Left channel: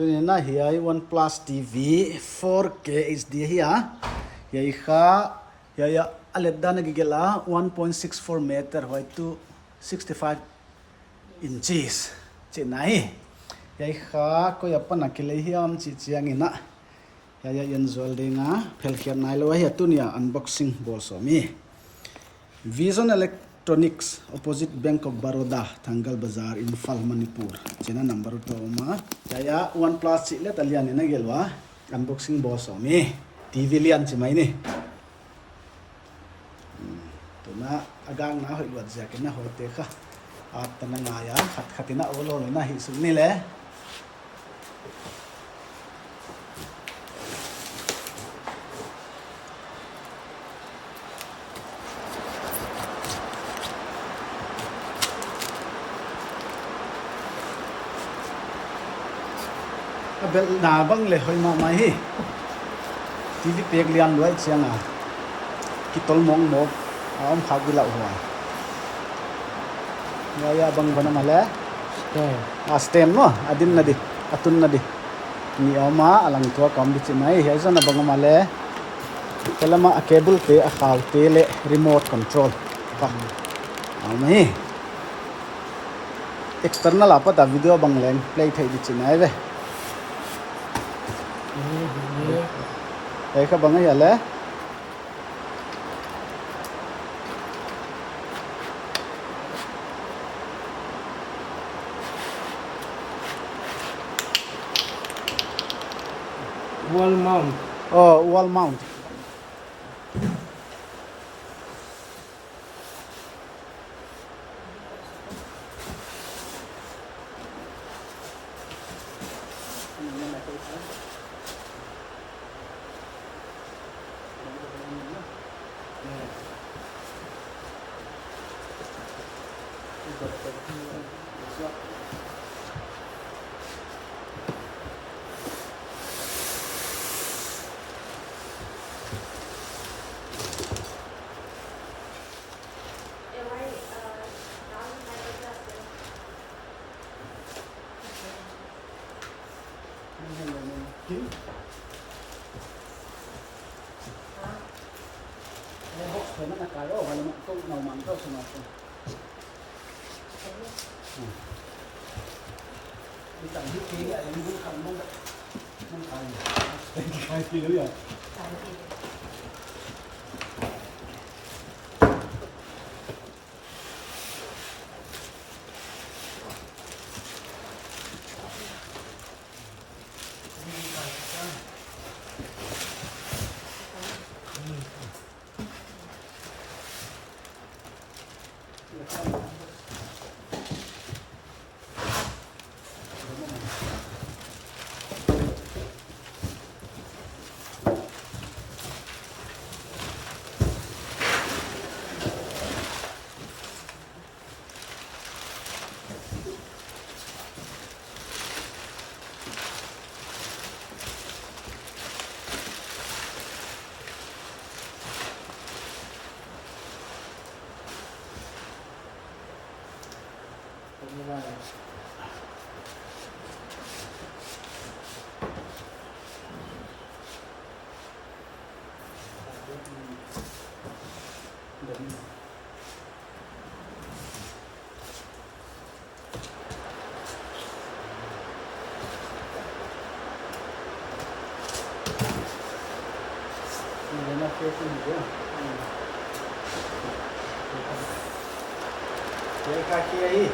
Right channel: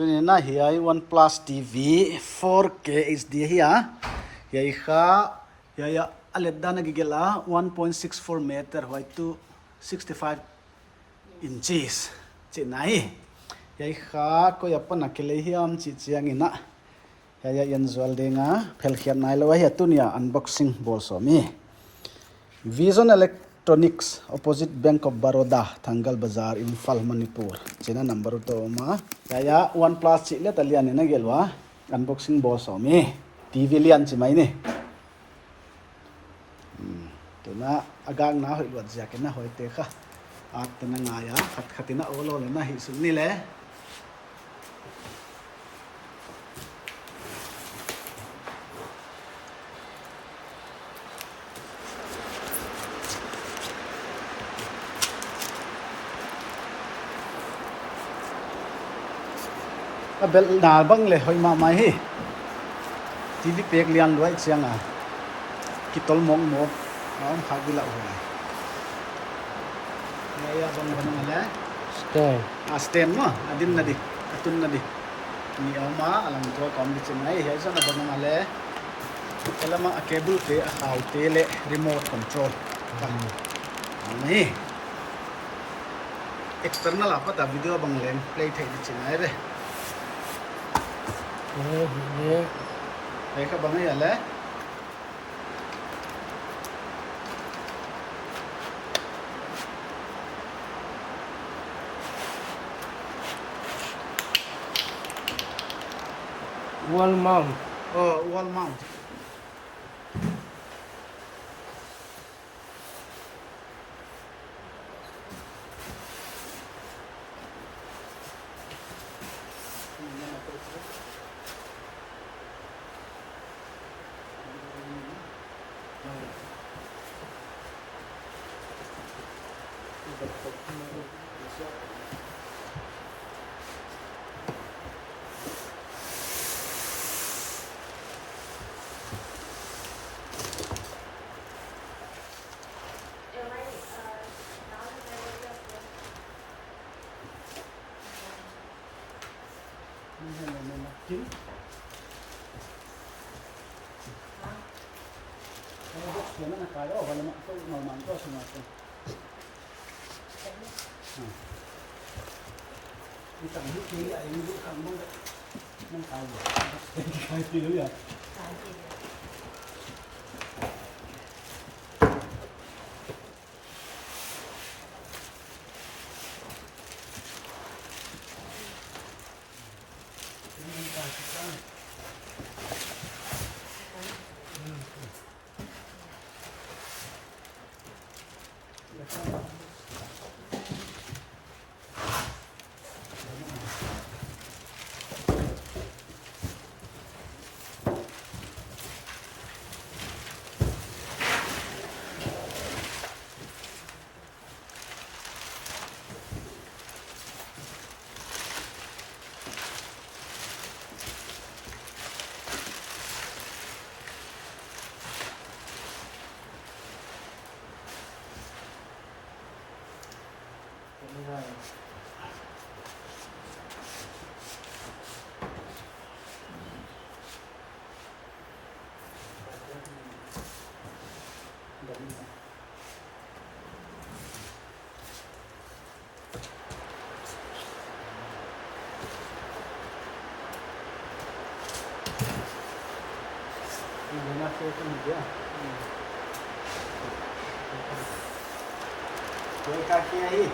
ตัวนี้น่าเฮียOnePlus TV 4K HD เฮียเฮียค่ะเฮียอเล็ดด้านกิเกล่า1.64 meter ไว้ตัว65 inches เจนไหนเฮียค่ะก็อย่าปนักเลยเฮียมจีจียงินะเฮียยันจวลเด้งอ่ะเพลเขียนนายเลยเฮียตัวนี้ unboxing บอลสมี Vision Electronics opposite Bank of Baroda Thangal Bazaar Imphal Manipur chena number to ma ya OnePlus chi le talian ni na gelwa unboxing boss omi TV lian chi mai ni to na agang na hoi lot ja ke na hoi te kha at ta na nga ya khat khatina olo na hi sum ni le bel na bang le hoi ma mai hi TV pek lian loi chiang a kitol mong mok om phak bila huai ya bang bana male stem no adin na di atun na di ni ama alang to kom di chinai he zo na bang male kelama a cable te a khaw te le remote control pa ami external apa ta video bang len play thai di chinai re đấy các bạn thấy lẽ wall mount wall mount nó là cái đó phải là một câu nào mà tôi không làm được đi tầm hít khí lại em cũng không muốn nên cái gì nữa rồi Cái cái kia đi.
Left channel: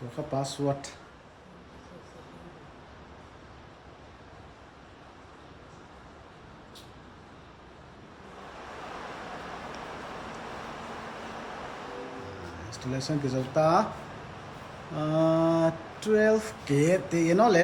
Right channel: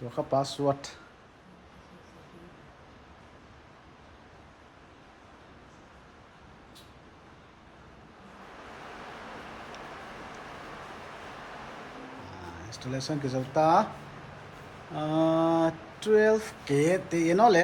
ตัวข้า password installation ke zauta 12k te no le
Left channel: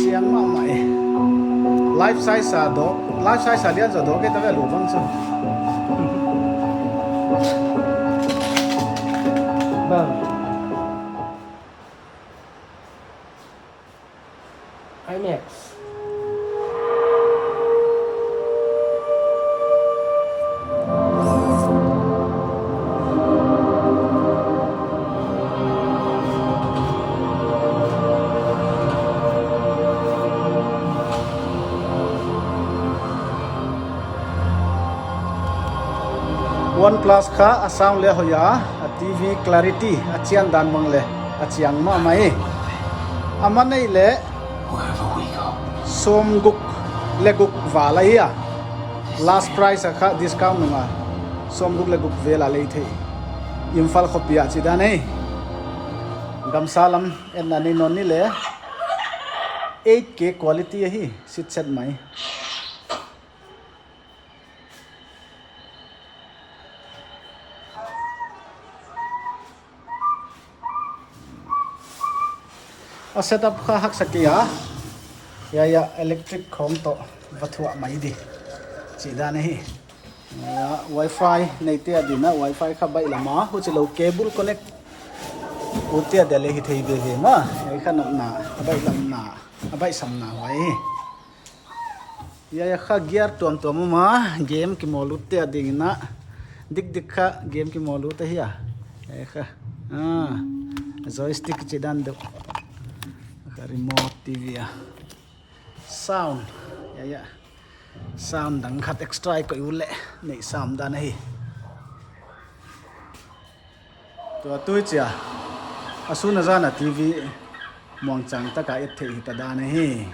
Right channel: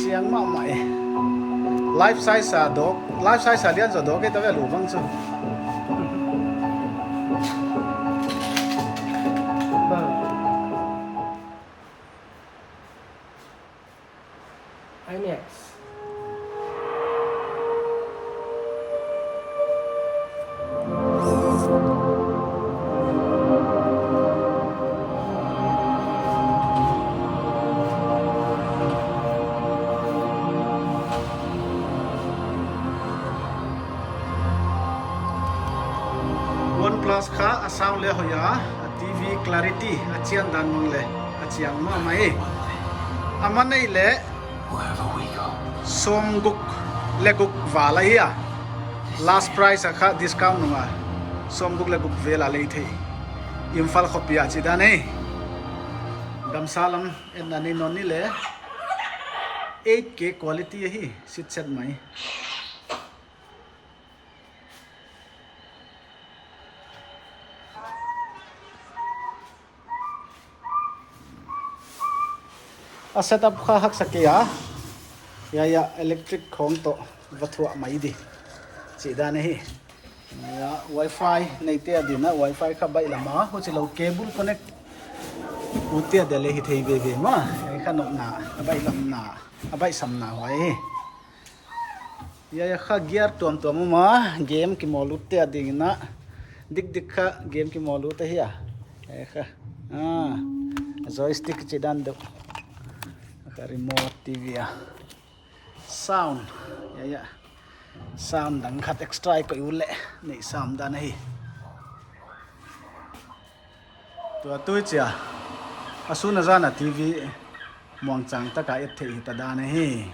chiang ma mai life size sa do life size sa lian zo do ke ta ve lu bang chu IMAX. OnePlus kha a sound le hoya a TV clarity a chian dan mang le a chiang ma mai amanei le som guk le guk wala ya last price kha discount nunga som guk le guk vela le the Imphal khopia chi da nei gamsalam en ani non ni le 8k quality hi sit set mai a setup kha hak sakia ya electric khom to vathua mai di chi da nei ya wifi nei te adina wifi kha bai lama ho chilo cable connect utia dele hi thei be ma ai kha nok na abai lam na abai sam na hoi ya kha gear tom tom ma game ki molu te adina dik dik kha game ki molu te hiya ai kha joystick chi dan do remote TV ya sound ya sound dang khat extra ko ule nei sam da nei to tu cha asuna jana TV muang chang ta ka et thei ta da nei